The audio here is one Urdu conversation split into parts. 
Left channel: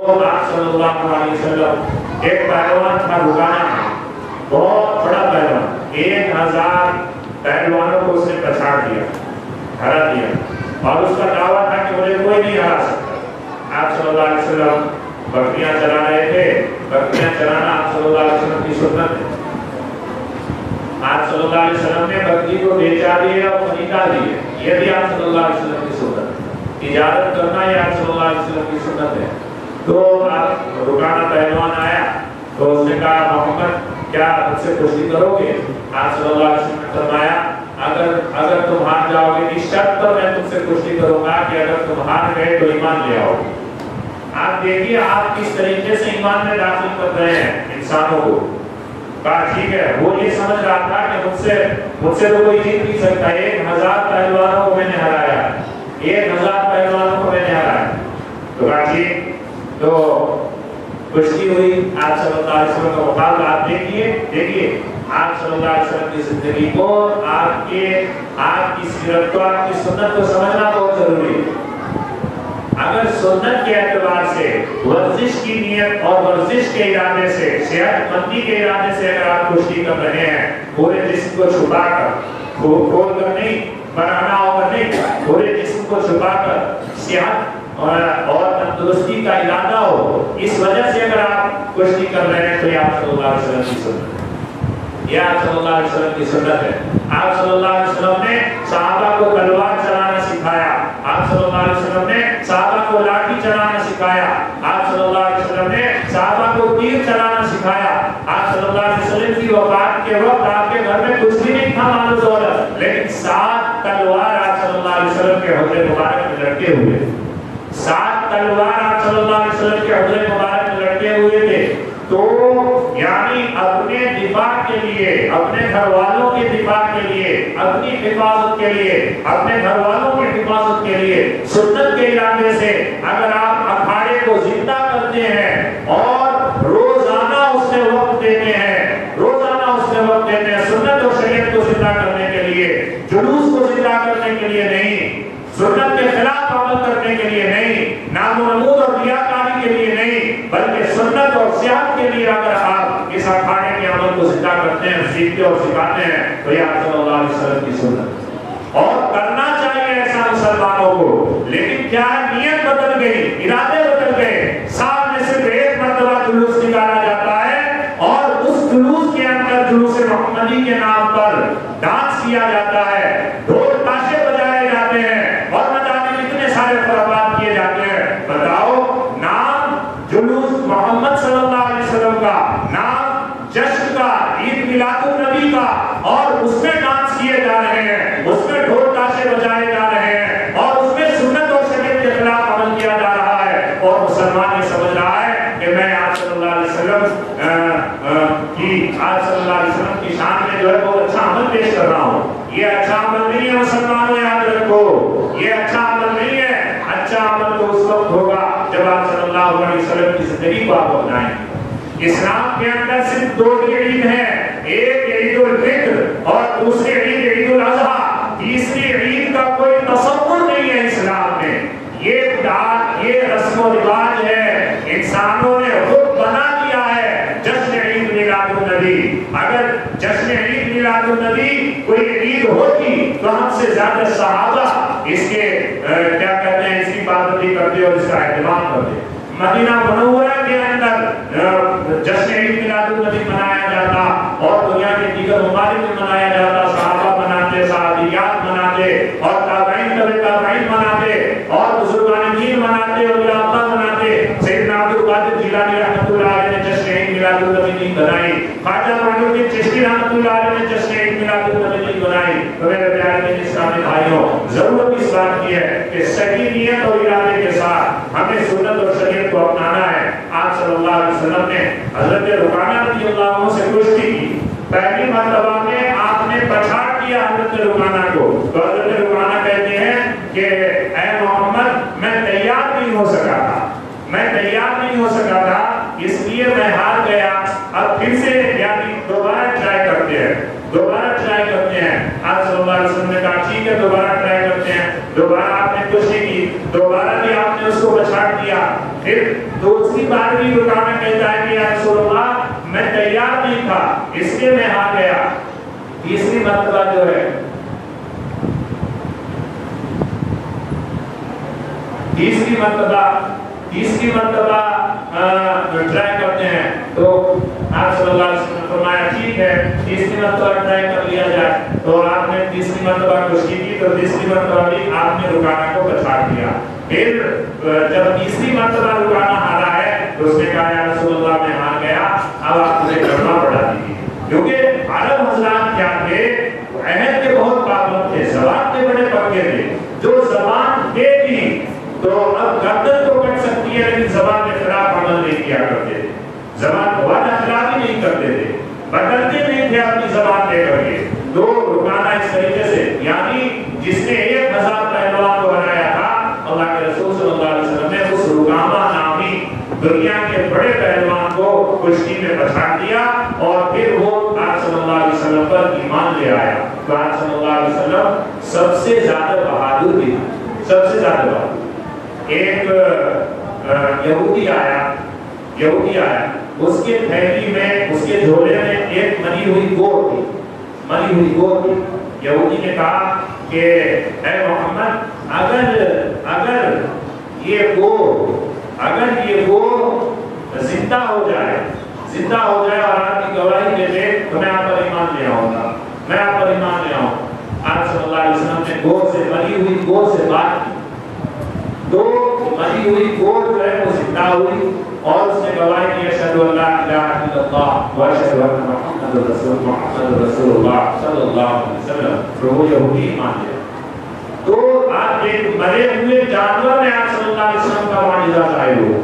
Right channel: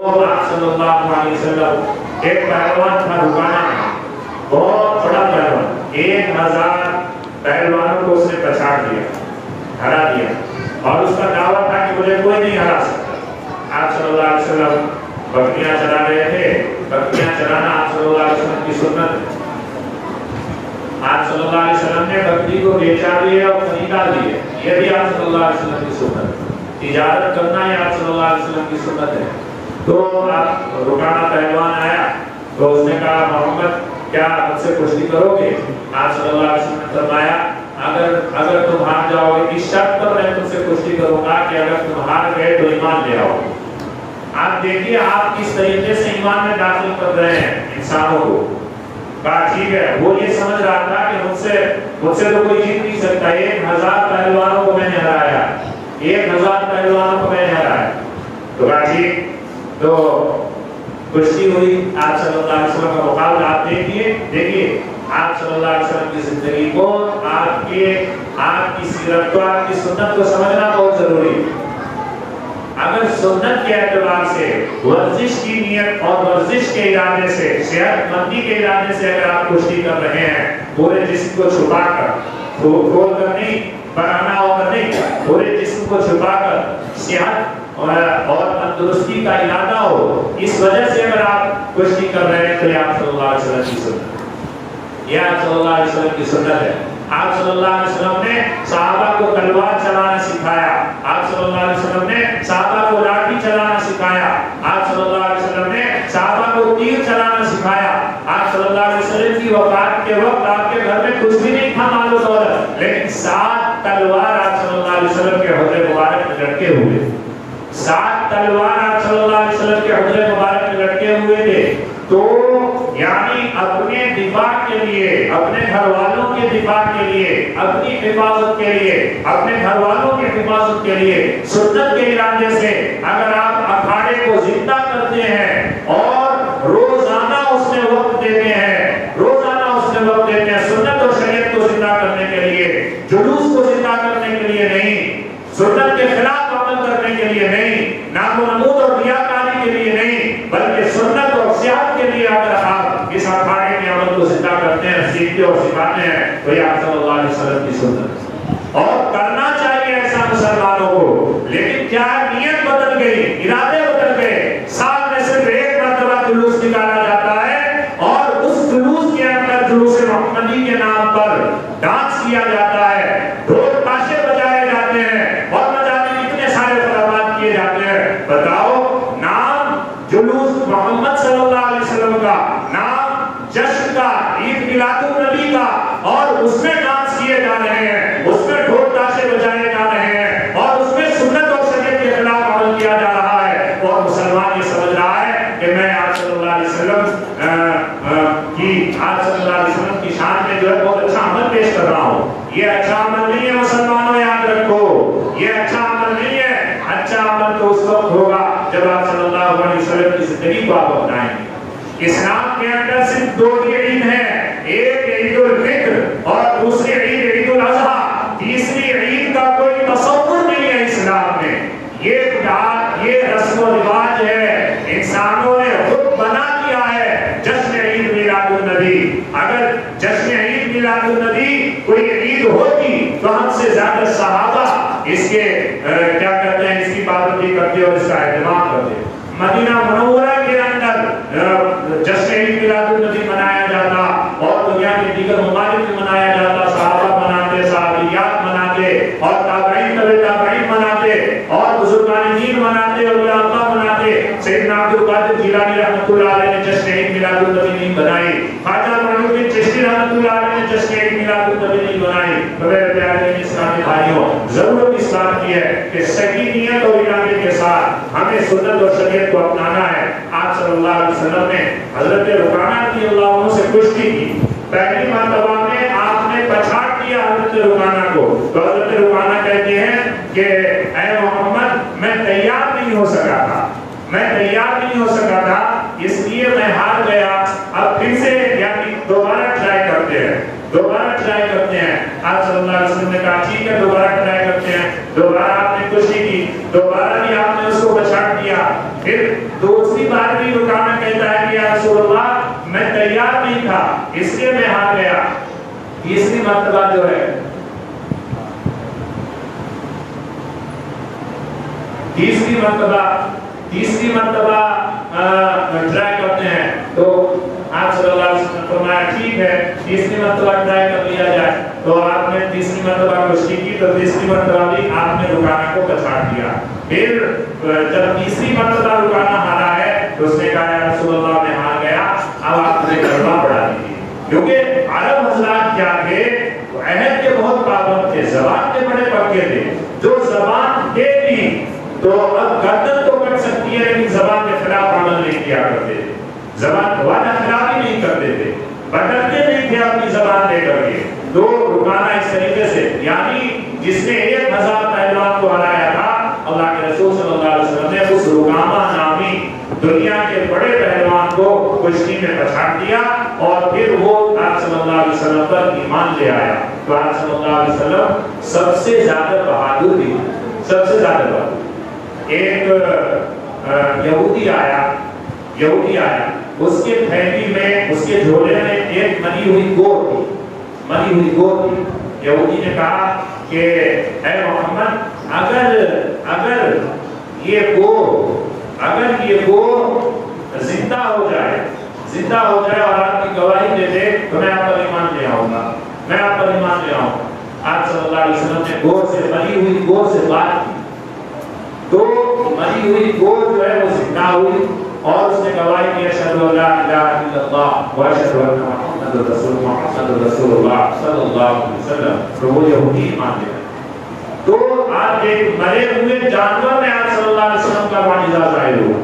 آپ صلی اللہ علیہ وسلم ایک پہلوان تھا رکانا، بہت بڑا پہلوان، 1000 پہلوانوں کو اس نے پچھاڑ دیا، ہرا دیا، اور اس کا دعویٰ تھا کہ مجھے کوئی نہیں ہرا سکتا۔ آپ صلی اللہ علیہ وسلم بکریاں چرا رہے تھے، بکریاں چرانا آپ صلی اللہ علیہ وسلم کی سنت ہے۔ آپ صلی اللہ علیہ وسلم نے بکری کو بیچا بھی ہے اور خریدا بھی ہے، یہ بھی آپ صلی اللہ علیہ وسلم کی سنت ہے۔ تجارت کرنا یہ آپ صلی اللہ علیہ وسلم کی سنت ہے۔ تو آپ رکانا پہلوان آیا تو اس نے کہا محمد کیا مجھ سے کشتی کرو گے؟ آپ صلی اللہ علیہ وسلم نے فرمایا اگر تم ہار جاؤ گے اس شرط پر میں تم سے کشتی کروں گا کہ اگر تم ہار گئے تو ایمان لے آؤ۔ آپ دیکھیے آپ کس طریقے سے ایمان میں داخل کر رہے ہیں انسانوں کو۔ کہا ٹھیک ہے، وہ یہ سمجھ رہا تھا کہ مجھ سے تو کوئی جیت نہیں سکتا، 1000 پہلوانوں کو میں نے ہرایا، 1000 پہلوانوں کو میں نے ہرایا۔ تو کہا ٹھیک، تو کشتی ہوئی، آپ صلی اللہ علیہ وسلم کا مقابلہ آپ دیکھیے آپ صلی اللہ علیہ وسلم کی زندگی کو، آپ کی سیرت کو، آپ کی سنت کو سمجھنا بہت ضروری ہے۔ اگر سنت کے اعتبار سے ورزش کی نیت اور ورزش کے ارادے سے، صحت مندی کے ارادے سے اگر آپ کشتی کر رہے ہیں، پورے جسم کو چھپا کر، کھول کر نہیں، بنانا ہو کر نہیں، پورے جسم کو چھپا کر صحت اور تندرستی کا ارادہ ہو، اس وجہ سے اگر آپ کشتی کر رہے ہیں تو یہ آپ صلی اللہ علیہ وسلم کی سنت ہے، یہ آپ صلی اللہ علیہ وسلم کی سنت ہے۔ آپ صلی اللہ علیہ وسلم نے صحابہ کو تلوار چلانا سکھایا، آپ صلی اللہ علیہ وسلم نے صحابہ کو لاٹھی چلانا سکھایا، آپ صلی اللہ علیہ وسلم نے صحابہ کو تیر چلانا سکھایا۔ آپ صلی اللہ علیہ وسلم کی وفات کے وقت آپ کے گھر میں کچھ بھی نہیں تھا مال و دولت، لیکن 7 تلوار آپ صلی اللہ علیہ وسلم کے حجر مبارک میں لٹکے ہوئے، 7 تلوار آپ صلی اللہ علیہ وسلم کے حجر مبارک میں لٹکے ہوئے تھے۔ تو یعنی اپنے دفاع کے لیے، اپنے گھر والوں کے دفاع کے لیے، اپنی حفاظت کے لیے، اپنے گھر والوں کی حفاظت کے لیے سنت کے ارادے سے اگر آپ اکھاڑے کو زندہ کرتے ہیں اور روزانہ اس میں وقت دیتے ہیں، روزانہ اس میں وقت دیتے ہیں، سنت اور شریعت کو زندہ کرنے کے لیے، جلوس کو زندہ کرنے کے لیے نہیں، سنت کے خلاف عمل کرنے کے لیے نہیں، نام و نمود اور ریاکاری کے لیے نہیں، بلکہ سنت اور صحت کے لیے اگر آپ اس اکھاڑے کے عمل کو زندہ کرتے ہیں، سیکھتے اور سکھاتے ہیں تو یہ آپ صلی اللہ علیہ وسلم کی سنت، اور کرنا چاہیے ایسا مسلمانوں کو۔ لیکن کیا نیت بدل گئی، ارادے بدل گئے، سال میں صرف ایک مرتبہ جلوس نکالا جاتا ہے اور اس جلوس کے اندر جلوس محمدی کے نام پر ڈانس کیا جاتا ہے، ڈھول تاشے بجائے جاتے ہیں اور نہ جانے کتنے سارے خرابات کیے جاتے ہیں۔ بتاؤ، نام جلوس محمد صلی اللہ علیہ وسلم کا، نام جشن کا، عید میلاد النبی کا، اور اس میں ڈانس کیے جا رہے ہیں، اس میں ڈھول تاشے بجائے جا رہے ہیں، اور اس میں سنت اور شریعت کے خلاف عمل کیا جا رہا ہے، اور مسلمان یہ سمجھ رہا ہے کہ میں آپ صلی اللہ علیہ وسلم آپ صلی اللہ علیہ وسلم کی شان میں جو ہے بہت اچھا عمل پیش کر رہا ہوں۔ یہ اچھا عمل نہیں ہے مسلمانوں، یاد رکھو، یہ اچھا عمل نہیں ہے۔ اچھا عمل تو اس وقت ہوگا جب آپ صلی اللہ علیہ وسلم کی زندگی کو آپ اپنائیں گے۔ اسلام کے اندر صرف 2 عید ہیں، ایک عید الفطر اور دوسری عید عید الاضحیٰ، تیسری عید کا کوئی تصور نہیں ہے اسلام میں۔ یہ رسم و رواج ہے، انسانوں نے خود بنا دیا ہے جشن عید میلاد النبی۔ اگر جشن عید میلاد النبی کوئی عید ہوتی تو ہم سے زیادہ صحابہ اس کے کیا کہتے ہیں، اس کی پابندی کرتے اور اس کا اہتمام کرتے۔ مدینہ منورہ کے اندر جشن عید میلاد النبی منایا جاتا اور دنیا کے دیگر ممالک میں منایا جاتا، صحابہ مناتے، صحابیات مناتے، اور تابعین تابعین مناتے، اور بزرگان دین مناتے، اولیاء اللہ مناتے۔ سیدنا عبد القادر جیلانی رحمۃ اللہ علیہ نے جشن عید میلاد النبی نہیں بنائی، خواجہ معین الدین چشتی رحمۃ اللہ علیہ نے جشن عید میلاد النبی نہیں بنائی۔ میرے پیارے اسلامی بھائیوں، ضرورت اس بات کی ہے کہ صحیح نیت اور ارادے کے ساتھ ہمیں سنت اور شریعت کو اپنانا ہے۔ آپ صلی اللہ علیہ وسلم نے حضرت رکانہ رضی اللہ عنہ سے کشتی کی، پہلی مرتبہ میں آپ نے پچھاڑ دیا حضرت رکانہ کو، تو حضرت رکانہ کہتے ہیں کہ اے محمد، میں تیار نہیں ہو سکا تھا، میں تیار نہیں ہو سکا تھا، اس لیے میں ہار گیا، اب پھر سے یعنی دوبارہ ٹرائی کرتے ہیں، دوبارہ ٹرائی کرتے ہیں۔ آپ صلی اللہ علیہ وسلم نے کہا ٹھیک ہے، دوبارہ ٹرائی کرتے ہیں۔ دوبارہ آپ نے کشتی کی، دوبارہ بھی آپ نے اس کو پچھاڑ دیا. پھر دوسری بار بھی رکانا کہتا ہے کہ یا رسول اللہ میں تیار نہیں تھا اس لیے میں ہار گیا. تیسری مرتبہ جو ہے تیسری مرتبہ ٹرائی کرتے ہیں تو آپ صلی اللہ علیہ وسلم نے فرمایا ٹھیک ہے تیسری مرتبہ ٹرائی کر لیا جائے. تو آپ نے تیسری مرتبہ کوشش کی تو تیسری مرتبہ بھی آپ نے رکانا کو پچھاڑ دیا. پھر جب تیسری مرتبہ رکانا ہارا ہے تو اس نے کہا یا رسول اللہ میں ہار گیا اب آپ مجھے کلمہ پڑھا دیجیے. کیونکہ عرب حضرات کیا تھے عہد کے بہت پابند تھے, زبان کے بڑے پکے تھے. جو زبان دے دی تو اب گردن تو کٹ سکتی ہے لیکن زبان کے خلاف عمل نہیں کیا کرتے تھے. زبان کا وعدہ خلاف ہی نہیں کرتے تھے, بدلتے نہیں تھے اپنی زبان دے کر کے. تو رکانا اس طریقے سے یعنی جس نے 1000 پہلوان کو ہرایا تھا اللہ کے رسول صلی اللہ علیہ وسلم نے اس رکامہ نامی دنیا کے بڑے پہلوان کو کشتی میں پچھاڑ دیا اور پھر وہ آپ صلی اللہ علیہ وسلم پر ایمان لے آیا. تو آپ صلی اللہ علیہ وسلم سب سے زیادہ بہادر بھی تھے, سب سے زیادہ بہادر. ایک یہودی آیا اس کے تھیلی میں اس کے جھولے میں ایک مری ہوئی گور تھی. یہودی نے کہا کہ اے محمد اگر یہ گور زندہ ہو جائے اور آپ کی گواہی دے دے تو میں آپ پر ایمان لے آؤں گا. آپ صلی اللہ علیہ وسلم نے مری ہوئی گور سے بات کی تو مری ہوئی گور جو ہے وہ زندہ ہوئی اور اس نے گواہی دی اشہد ان لا الہ الا اللہ و اشہد ان محمد رسول اللہ صلی اللہ علیہ وسلم. تو وہ یہودی ایمان لے. تو آپ ایک مرے ہوئے جانور میں آپ صلی اللہ علیہ وسلم کا معجزہ ظاہر ہوا.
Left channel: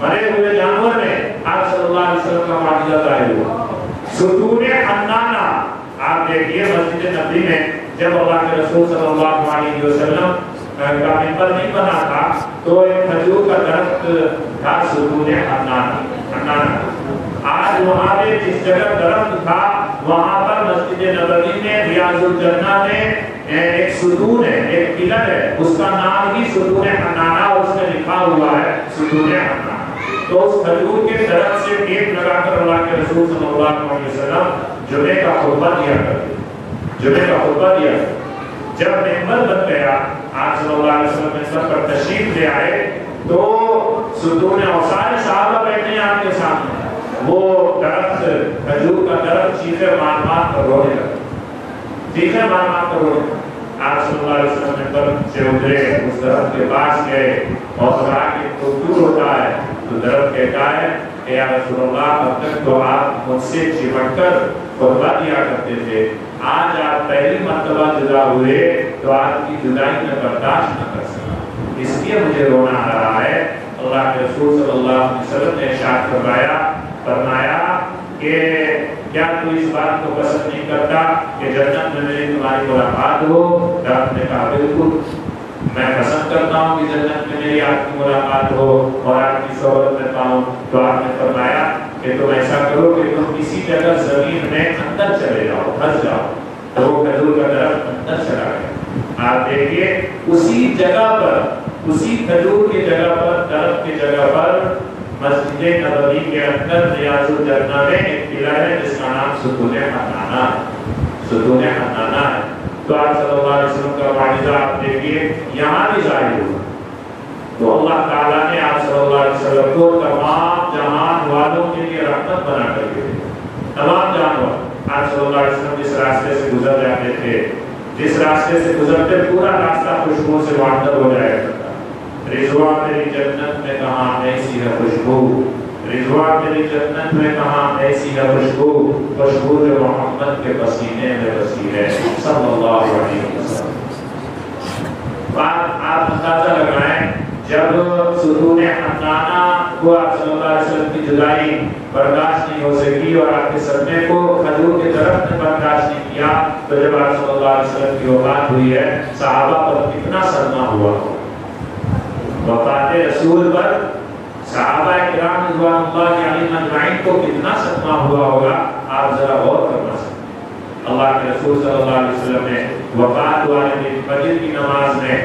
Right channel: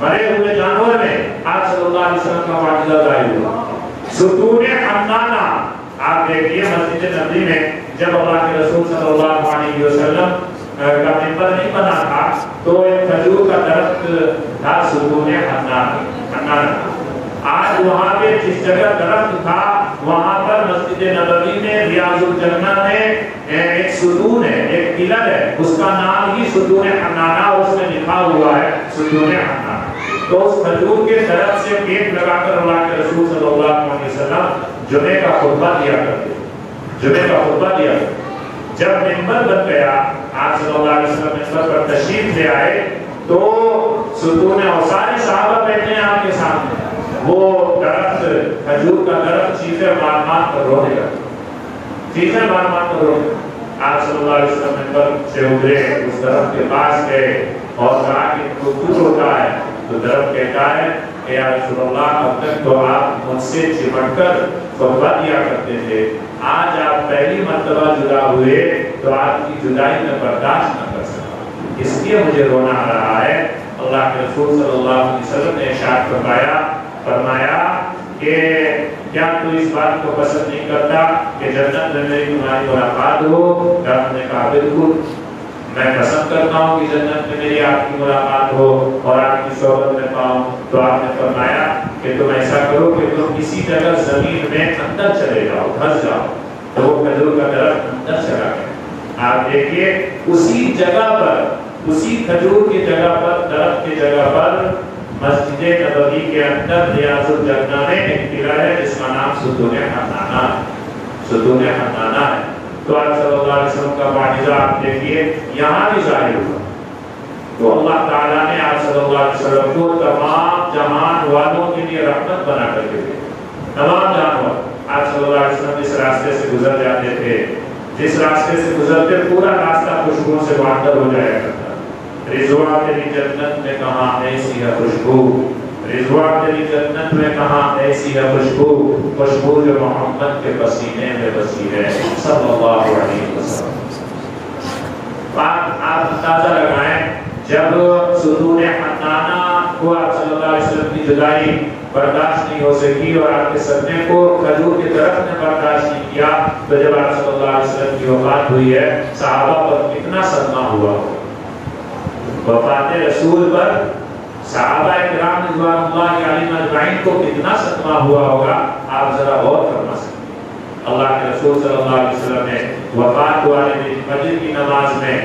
مرے ہوئے جانور میں آپ صلی اللہ علیہ وسلم کا معجزہ ظاہر ہوا. ستون حنانہ آپ دیکھیے مسجد نبوی میں جب اللہ کے رسول صلی اللہ علیہ وسلم کا ممبر نہیں بنا تھا تو ایک کھجور کا درخت تھا ستون حنانہ. آج وہاں پہ جس جگہ درخت تھا وہاں پر مسجد نبوی میں ریاض الجنہ میں ایک ستون ہے, ایک پلر ہے, اس کا نام ہی ستون حنانہ اور اس میں لکھا ہوا ہے ستون حنانہ. تو اس کھجور کے درخت سے ٹیپ لگا کر اللہ کے رسول صلی اللہ علیہ وسلم جمعے کا خطبہ دیا. جب ممبر بن گیا آپ صلی اللہ علیہ وسلم ممبر پر تشریف لے آئے تو ستون اور سارے صحابہ بیٹھے ہیں آپ کے سامنے. وہ درخت کھجور کا درخت چیخیں مار کر رونے لگا. آپ صلی اللہ علیہ وسلم ممبر سے اترے, اس درخت کے پاس گئے اور کہا کہ تو دور ہوتا ہے. تو درخت کہتا ہے کہ یا رسول اللہ اب تک تو آپ مجھ سے چمٹ کر خطبہ دیا کرتے تھے, آج آپ پہلی مرتبہ جدا ہوئے تو آپ کی جدائی میں برداشت نہ کر سکا, اس لیے مجھے رونا آ رہا ہے. اللہ کے رسول صلی اللہ علیہ وسلم نے ارشاد فرمایا کہ کیا تو اس بات کو پسند نہیں کرتا کہ جنت میں میری تمہاری ملاقات ہو؟ درخت نے کہا بالکل میں پسند کرتا ہوں کہ جنت میں میری آپ کی ملاقات ہو اور آپ کی صحبت میں پاؤں. تو آپ نے فرمایا کہ تم ایسا کرو کہ تم کسی جگہ زمین میں اندر چلے جاؤ, پھنس جاؤ. تو وہ کھجور کا درخت اندر چلا گیا. آپ دیکھیے اسی جگہ پر, اسی کھجور کی جگہ پر, درخت کی جگہ پر مسجد نبوی کے اندر ریاض الجنہ میں ایک پلر ہے جس کا نام ستون حنانہ ہے. تو آپ صلی اللہ علیہ وسلم کا معجزہ آپ دیکھیے یہاں بھی ظاہر ہوا. تو اللہ تعالیٰ نے آپ صلی اللہ علیہ وسلم کو تمام جہان والوں کے لیے رحمت بنا کر کے دے. تمام جانور آپ صلی اللہ علیہ وسلم جس راستے سے گزر جاتے تھے, جس راستے سے گزرتے پورا راستہ خوشبو سے معطر ہو جایا کرتا. رضوان تیری جنت میں کہاں ایسی ہے خوشبو, رضوان تیری جنت میں کہاں ایسی ہے خوشبو, خوشبو جو محمد کے پسینے میں بسی ہے صلی اللہ علیہ وسلم. آپ اندازہ لگائیں جب ستون حنانہ کو آپ صلی اللہ علیہ وسلم کی جدائی برداشت نہیں ہو سکی اور آپ کے صدمے کو کھجور کی طرف نے برداشت نہیں کیا, تو جب آپ صلی اللہ علیہ وسلم کی وفات ہوئی ہے صحابہ پر کتنا صدمہ ہوا. وفات رسول پر صحابہ کرام رضوان اللہ علیہم اجمعین کو کتنا صدمہ ہوا ہوگا, آپ ذرا غور فرما سکتے ہیں. اللہ کے رسول صلی اللہ علیہ وسلم نے وفات والے دن فجر کی نماز میں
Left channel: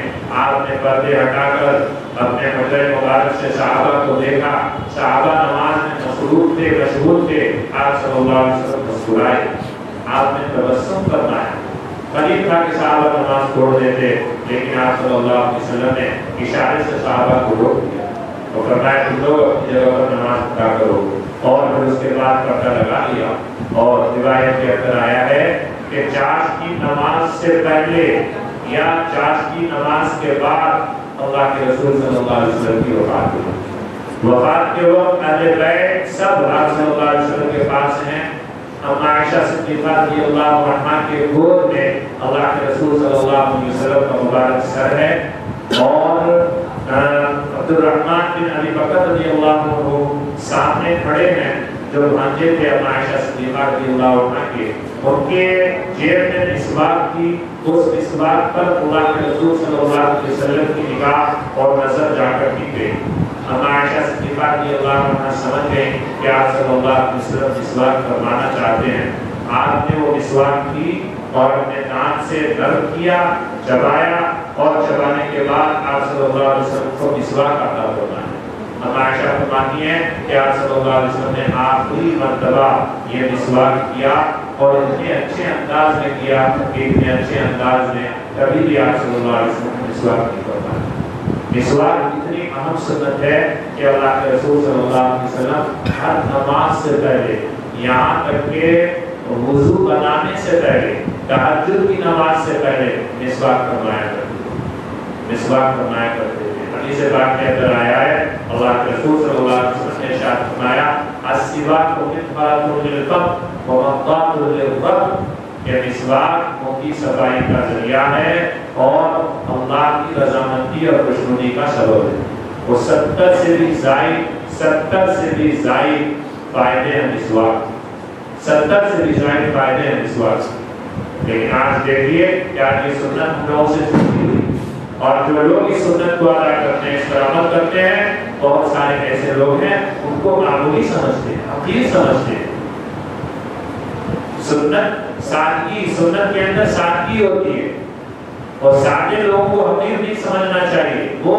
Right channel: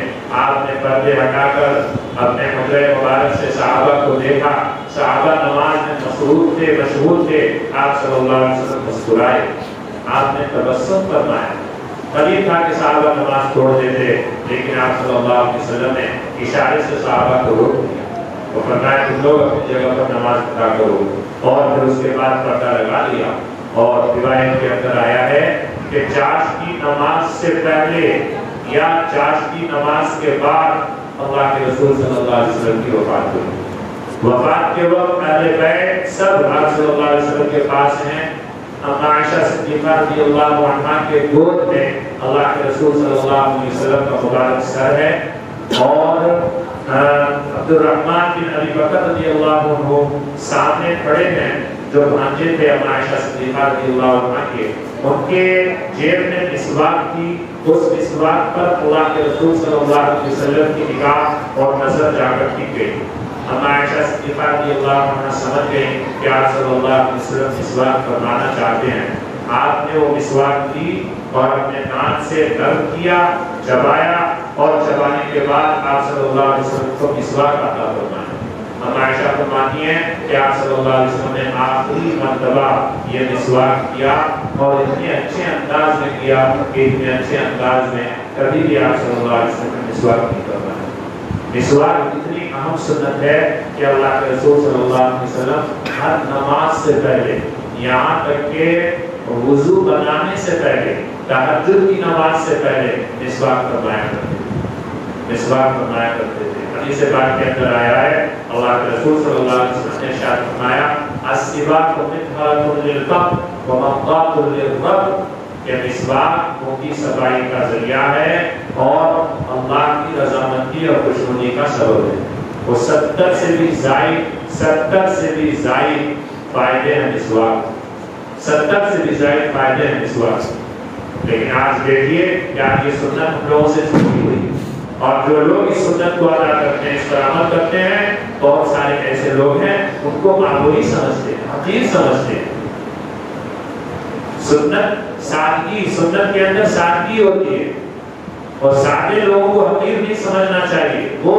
آپ نے پردے ہٹا کر اپنے حجرے مبارک سے صحابہ کو دیکھا، صحابہ نماز میں مصروف تھے، مشغول تھے، آپ صلی اللہ علیہ وسلم مسکرائے، آپ نے تبسم فرمایا۔ قریب تھا کہ صحابہ نماز چھوڑ دیتے، لیکن آپ صلی اللہ علیہ وسلم نے اشارے سے صحابہ کو روک دیا اور فرمایا تم لوگ اپنی جگہ پر نماز پڑھا کرو، اور پھر اس کے بعد پردہ لگا لیا۔ اور روایت کے اندر آیا ہے کہ چاش کی نماز سے پہلے یا چاش کی نماز کے بعد اللہ کے رسول صلی اللہ علیہ وسلم کی وفات ہوئی۔ وفات کے وقت اہل بیت سب آپ صلی اللہ علیہ وسلم کے پاس ہیں۔ عائشہ صدیقہ رضی اللہ عنہا کے گود میں اللہ کے رسول صلی اللہ علیہ وسلم کا مبارک سر ہے، اور عبد الرحمن بن ابی بکر رضی اللہ عنہ سامنے کھڑے ہیں جو بھانجے تھے عائشہ صدیقہ رضی اللہ عنہا کے، ان کے جیب میں مسواک تھی، اس مسواک پر اللہ کے رسول صلی اللہ علیہ وسلم کی نگاہ اور نظر جا کر ٹک گئی۔ عائشہ صدیقہ رضی اللہ عنہا سمجھ گئی کہ آپ صلی اللہ علیہ وسلم مسواک فرمانا چاہتے ہیں۔ آپ نے وہ مسواک کی اور اپنے دانت سے نرم کیا، چبایا، اور چبانے کے بعد آپ صلی اللہ علیہ وسلم کو مسواک عطا فرمایا۔ عائشہ فرماتی ہیں کہ آپ صلی اللہ علیہ وسلم نے آخری مرتبہ یہ مسواک کیا، اور اتنے اچھے انداز میں کیا کہ اتنے اچھے انداز میں کبھی بھی آپ صلی اللہ علیہ وسلم نے مسواک نہیں فرمایا۔ مسواک اتنی اہم سنت ہے کہ اللہ کے رسول صلی اللہ علیہ وسلم ہر نماز سے پہلے، یہاں تک کہ وضو بنانے سے پہلے، تہجد کی نماز سے پہلے مسواک فرمایا کرتے تھے، مسواک فرمایا کرتے تھے۔ حدیث پاک کے اندر آیا ہے اللہ کے رسول صلی اللہ علیہ وسلم نے ارشاد فرمایا السواک مطهرة للفم ومقطعة للرب، کہ مسواک منہ کی صفائی کا ذریعہ ہے اور اللہ کی رضامندی اور خوشنودی کا سبب ہے۔ وہ 70 سے بھی زائد فائدے ہیں مسواک، 70 سے بھی زائد فائدے ہیں مسواک۔ لیکن آج دیکھیے کہ آج یہ سنت ہم لوگوں سے چھوٹی ہوئی، اور جو لوگ اس سنت کو ادا کرتے ہیں، اس پر عمل کرتے ہیں، بہت سارے ایسے لوگ ہیں ان کو معمولی سمجھتے ہیں، حقیر سمجھتے ہیں۔ سنت سادگی، سنت کے اندر سادگی ہوتی ہے، اور سادے لوگوں کو حقیر نہیں سمجھنا چاہیے۔ وہ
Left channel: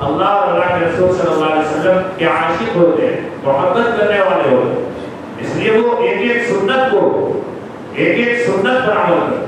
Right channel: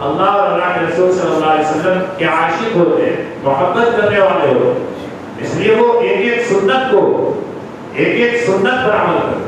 اللہ اور اللہ کے رسول صلی اللہ علیہ وسلم کے عاشق ہوتے ہیں، محبت کرنے والے ہوتے ہیں، اس لیے وہ ایک ایک سنت پر عمل کرتے ہیں۔